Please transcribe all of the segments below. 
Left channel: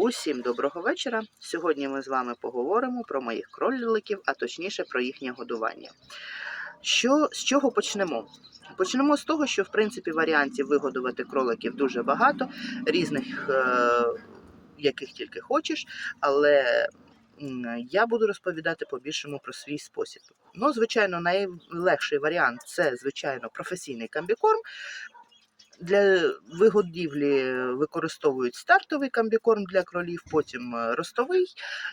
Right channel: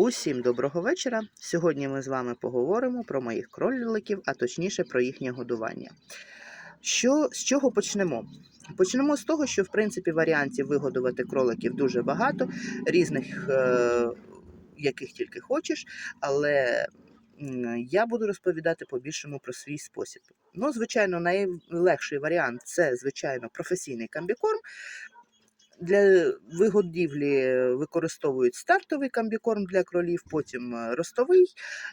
Усім доброго вечора. Сьогодні ми з вами поговоримо про моїх кроликів, а точніше про їхнє годування. Що, з чого почнемо? Почнемо з того, що в принципі варіантів вигодувати кроликів дуже багато, різних, е, яких тільки хочеш, але я буду розповідати по-більшому про свій спосіб. Ну, звичайно, найлегший варіант це, звичайно, професійний комбікорм. Для вигодівлі використовують стартовий комбікорм для кролів, потім е, ростовий.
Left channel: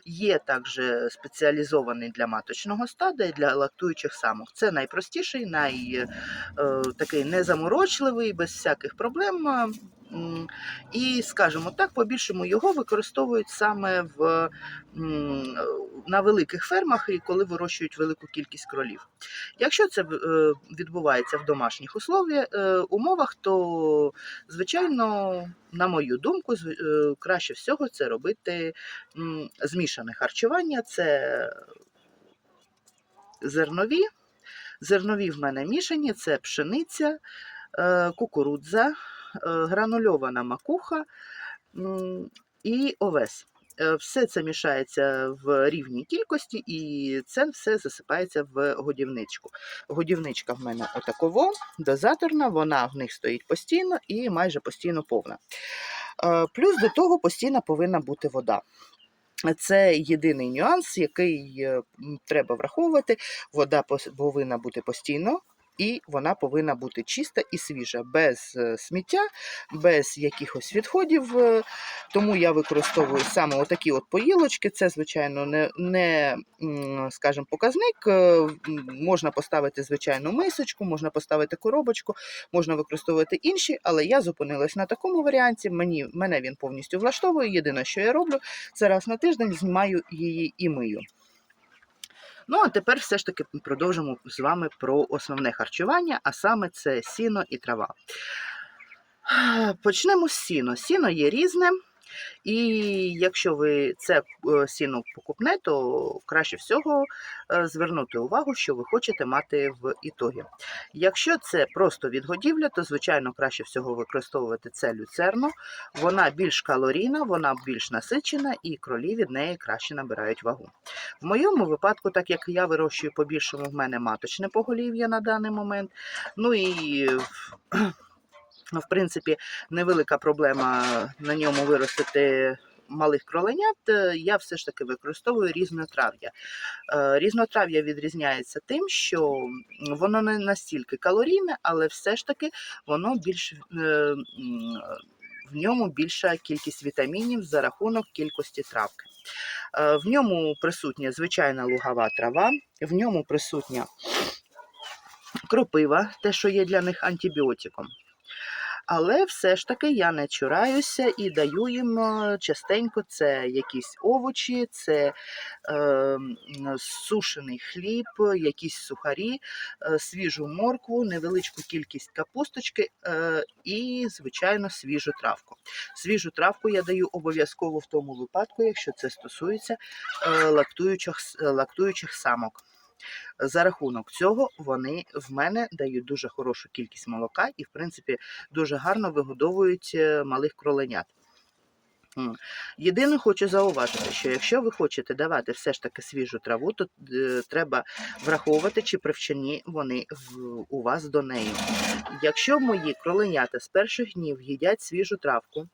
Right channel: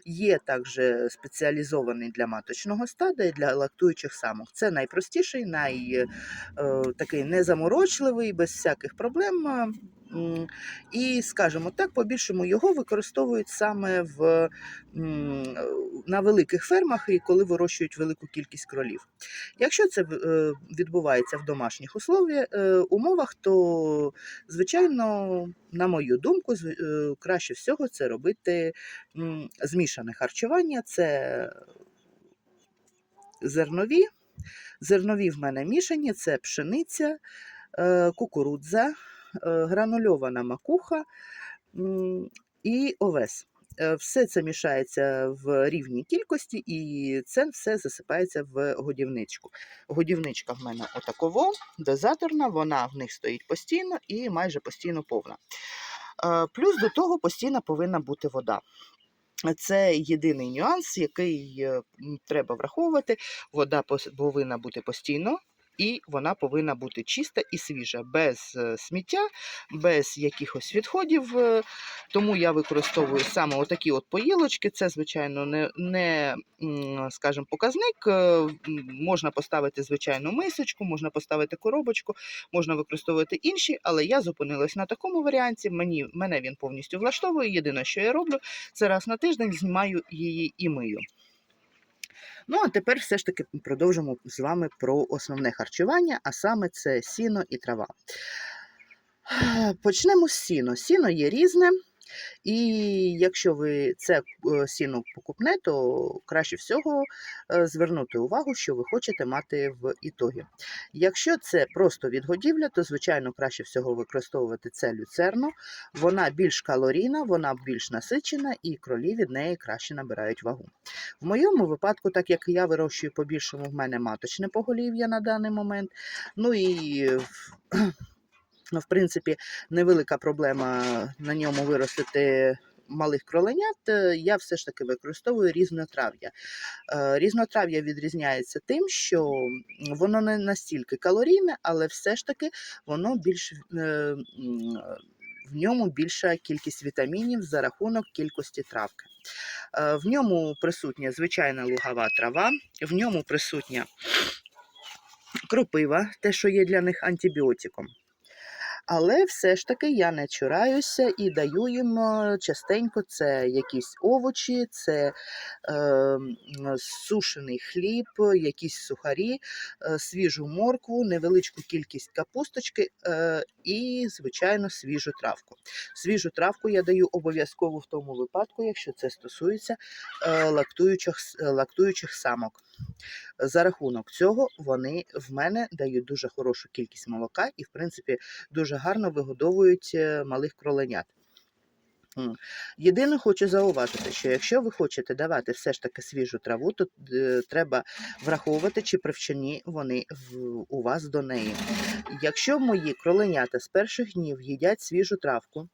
Є також спеціалізований для маточного стада і для лактуючих самок. Це найпростіший, най, е, такий незаморочливий, без всяких проблем. І, скажімо так, по-більшому його використовують саме в, на великих фермах і коли вирощують велику кількість кролів. Якщо це е, відбувається в домашніх е, умовах, то, звичайно, на мою думку, е, краще всього це робити змішане харчування. Це зернові. Зернові в мене мішані, це пшениця, кукурудза, гранульована макуха і овес. Е, Все це мішається в рівній кількості, і це все засипається в годівничку. Годівничка в мене отаково, дозаторна, вона в них стоїть постійно і майже постійно повна. Е, Плюс до того постійно повинна бути вода. Це єдиний нюанс, який е, треба враховувати. Вода повинна бути постійно. І вона повинна бути чиста і свіжа, без е, сміття, без якихось відходів. е, Тому я використовую саме отакі от поїлочки. Це, звичайно, не, не скажімо, показник. е, Можна поставити звичайну мисочку, можна поставити коробочку, можна використовувати інші, але я зупинилась на такому варіанті. Мені, мене він повністю влаштовує. Єдине, що я роблю, це раз на тиждень знімаю її і мию. Ну, а тепер все ж таки продовжимо з вами про основне харчування, а саме це сіно і трава. Почнемо з сіно. Сіно є різне, і якщо ви це е, сіно покупне, то краще всього е, звернути увагу, що ви хочете мати в ітогі. Якщо це просто відгодівля, то звичайно краще всього використовувати це люцерну. Вона більш калорійна, вона більш насичена, і кролі від неї краще набирають вагу. В моєму випадку, так як я вирощую по-більшому, в мене маточне поголів'я на даний момент. Ну і в- Ну, принципі, невелика проблема на ньому виростити малих кроленят. Е, Я все ж таки використовую різнотрав'я. Е, Різнотрав'я відрізняється тим, що воно не настільки калорійне, але все ж таки воно більш е, в ньому більша кількість вітамінів за рахунок кількості травки. В ньому присутня звичайна лугова трава, в ньому присутня кропива, те, що є для них антибіотиком. Але все ж таки я не чураюся і даю їм е, частенько це якісь овочі, це е, сушений хліб, якісь сухарі, е, свіжу моркву, невеличку кількість капусточки е, і, звичайно, свіжу травку. Свіжу травку я даю обов'язково в тому випадку, якщо це стосується е, лактуючих, лактуючих самок. За рахунок цього вони в мене дають дуже хорошу кількість молока і, в принципі, дуже гарно вигодовують е, малих кроленят. Єдине хочу зауважити, що якщо ви хочете давати все ж таки свіжу траву, то е, треба враховувати, чи привчені вони у вас до неї. Якщо мої кроленята з перших днів їдять свіжу травку,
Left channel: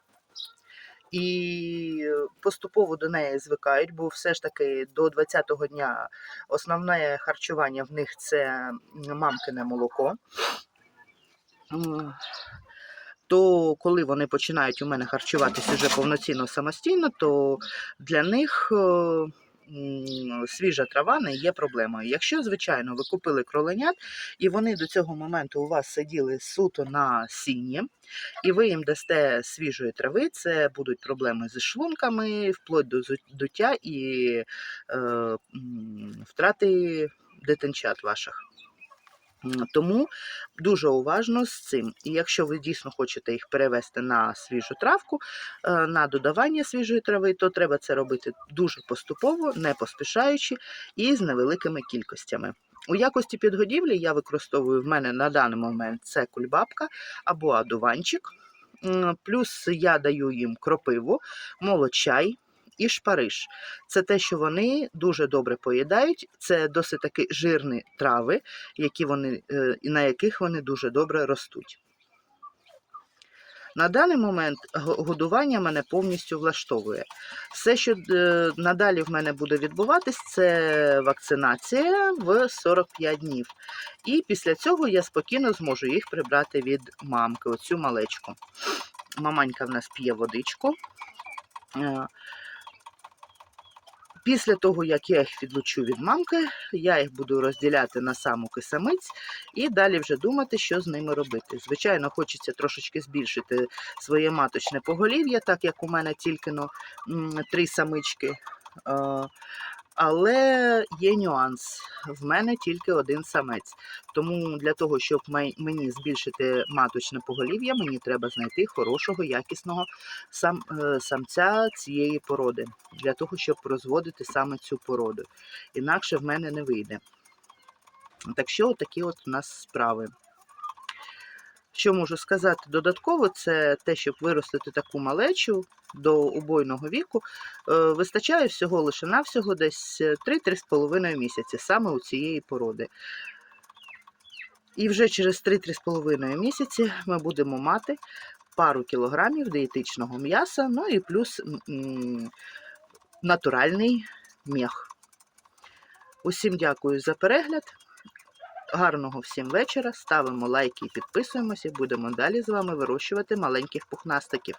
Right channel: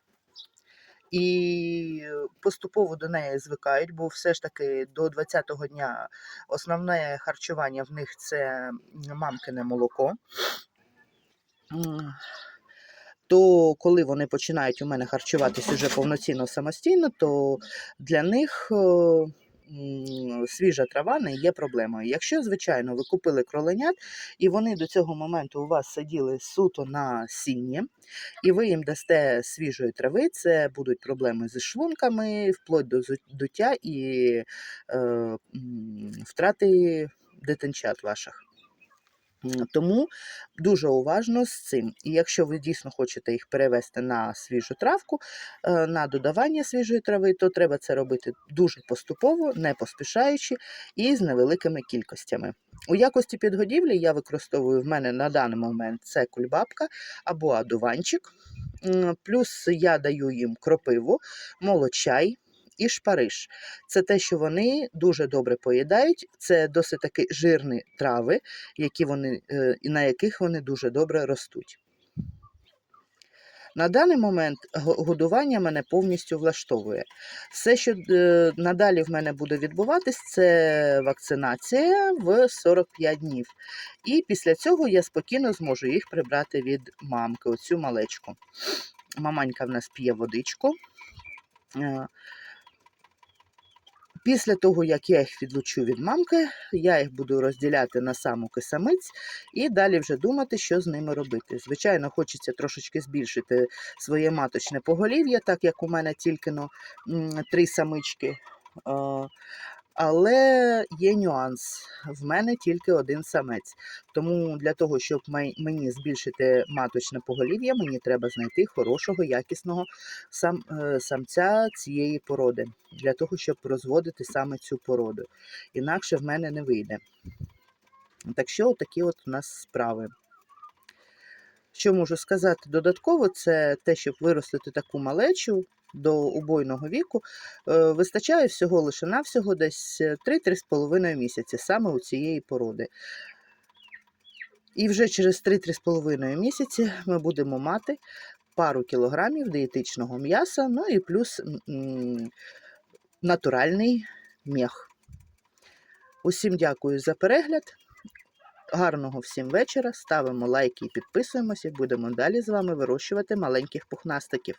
і поступово до неї звикають, бо все ж таки до 20-го дня основне харчування в них це мамкине молоко. То коли вони починають у мене харчуватися вже повноцінно самостійно, то для них е, свіжа трава не є проблемою. Якщо, звичайно, ви купили кроленят, і вони до цього моменту у вас сиділи суто на сіні, і ви їм дасте свіжої трави, це будуть проблеми зі шлунками, вплоть до дуття і е, втрати дитинчат ваших. Тому дуже уважно з цим. І якщо ви дійсно хочете їх перевести на свіжу травку, е, на додавання свіжої трави, то треба це робити дуже поступово, не поспішаючи і з невеликими кількостями. У якості підгодівлі я використовую в мене на даний момент це кульбабка або адуванчик. Плюс я даю їм кропиву, молочай і шпариш. Це те, що вони дуже добре поїдають. Це досить таки жирні трави, які вони, е, на яких вони дуже добре ростуть. На даний момент годування мене повністю влаштовує. Все, що е, надалі в мене буде відбуватись, це вакцинація в 45 днів. І після цього я спокійно зможу їх прибрати від мамки, оцю малечку. Маманька в нас п'є водичку. Після того, як я їх відлучу від мамки, я їх буду розділяти на самок і самиць і далі вже думати, що з ними робити. Звичайно, хочеться трошечки збільшити своє маточне поголів'я, так як у мене тільки ну, три самички. Але є нюанс. В мене тільки один самець. Тому для того, щоб мені збільшити маточне поголів'я, мені треба знайти хорошого, якісного сам, е, самця цієї породи, для того, щоб розводити саме цю породу. Інакше в мене не вийде. Так що такі от у нас справи. Що можу сказати додатково, це те, щоб виростити таку малечу до убойного віку, е, вистачає всього лише навсього десь 3-3,5 місяці саме у цієї породи. І вже через 3-3,5 місяці ми будемо мати пару кілограмів дієтичного м'яса, ну і плюс натуральний м'ях. Усім дякую за перегляд. Гарного всім вечора. Ставимо лайки і підписуємося. Будемо далі з вами вирощувати маленьких пухнастиків.